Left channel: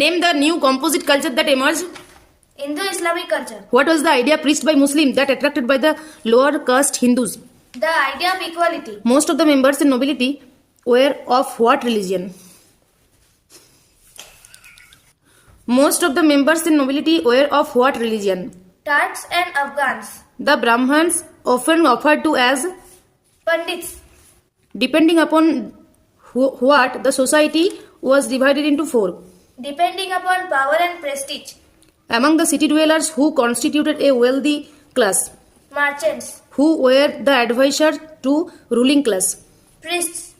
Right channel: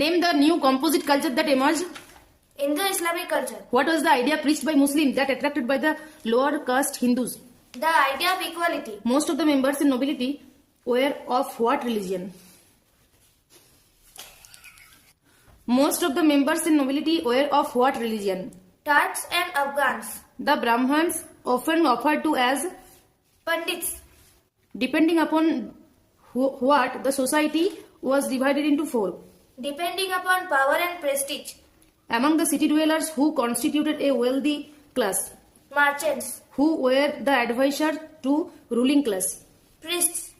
Name the new composite culture that emerged. Indo-Islamic culture. What was the idea preached by Muslims that attracted by the lower caste Hindus? The idea of equality. Most of the members in nobility were of what religion? Most of the members in nobility were of what religion? Turks and Afghans. The Brahmins, often referred to as Pandits. depending upon what the society was divided into four. Depending upon power and prestige. Among the city dwellers who constituted a wealthy class, Merchants. who were the advisors to ruling class. Priests.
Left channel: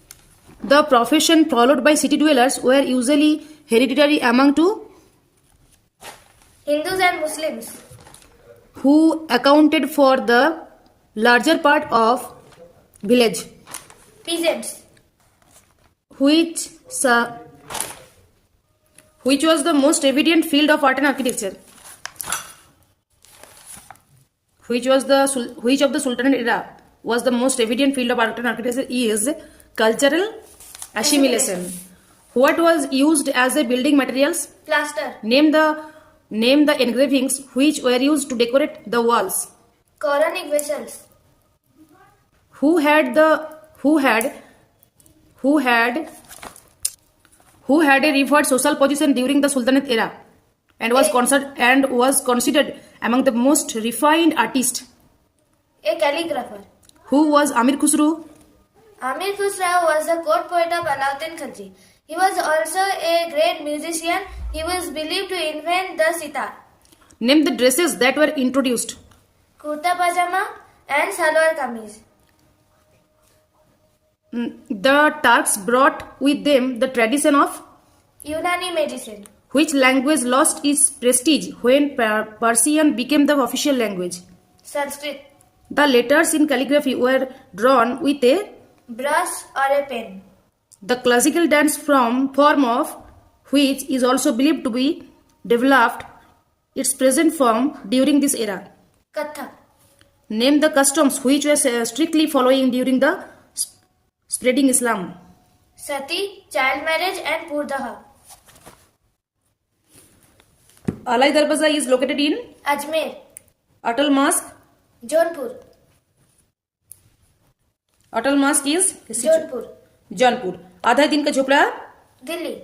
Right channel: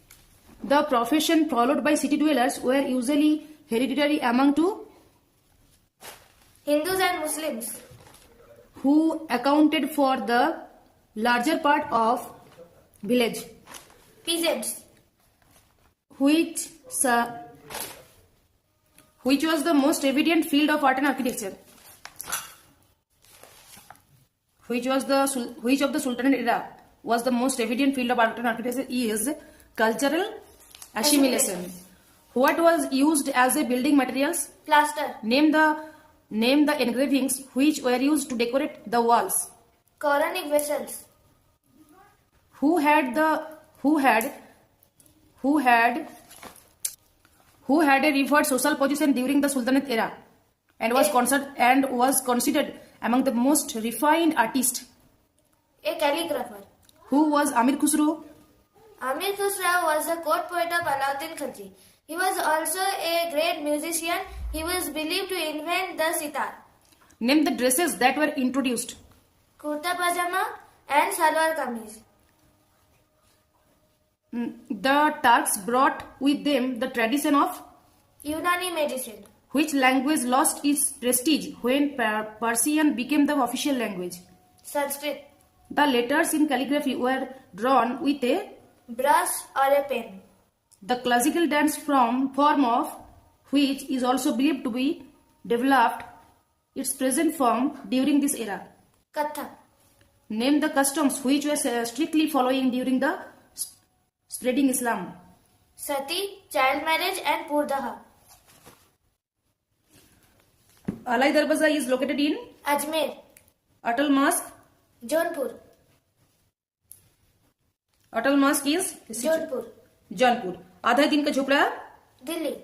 The profession followed by city dwellers were usually hereditary among two, Hindus and Muslims. who accounted for the larger part of village, Peasants. which was the most evident field of art and architecture. Which of the Sultanate era was the most evident field of art and architecture is cultural assimilation. What was used as a building materials? Plaster. Name the engravings which were used to decorate the walls. Quranic vessels. Who had a revered social position during the Sultanate era and was considered among the most refined artists? A calligrapher. Who was Amir Khusro? Amir Khusro was the court poet of Alauddin Khilji. He was also a great musician. He was believed to invent the sitar. Name the dresses that were introduced. Kurta pajama and salwar kameez. The Turks brought with them the tradition of Unani medicine. which language lost its prestige when Persian became the official language. Sanskrit. The letters in calligraphy were drawn with a Brush or a pen. the classical dance form of which is also believed to be developed its present form during this era. Kathak. Name the customs which were strictly following during the spreading Islam. Sati, child marriage and Purdaha. Alai Darwaza is located in Ajmer. Atal Mosque. Jaunpur. Atal Mosque is Jaunpur. Jaunpur. आधा दिन का झोपड़ा Delhi.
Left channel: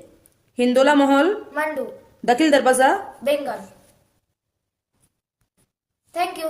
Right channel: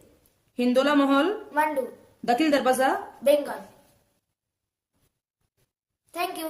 हिंदोला महल Mandu. दखिल दरवाजा Bengal. Thank you.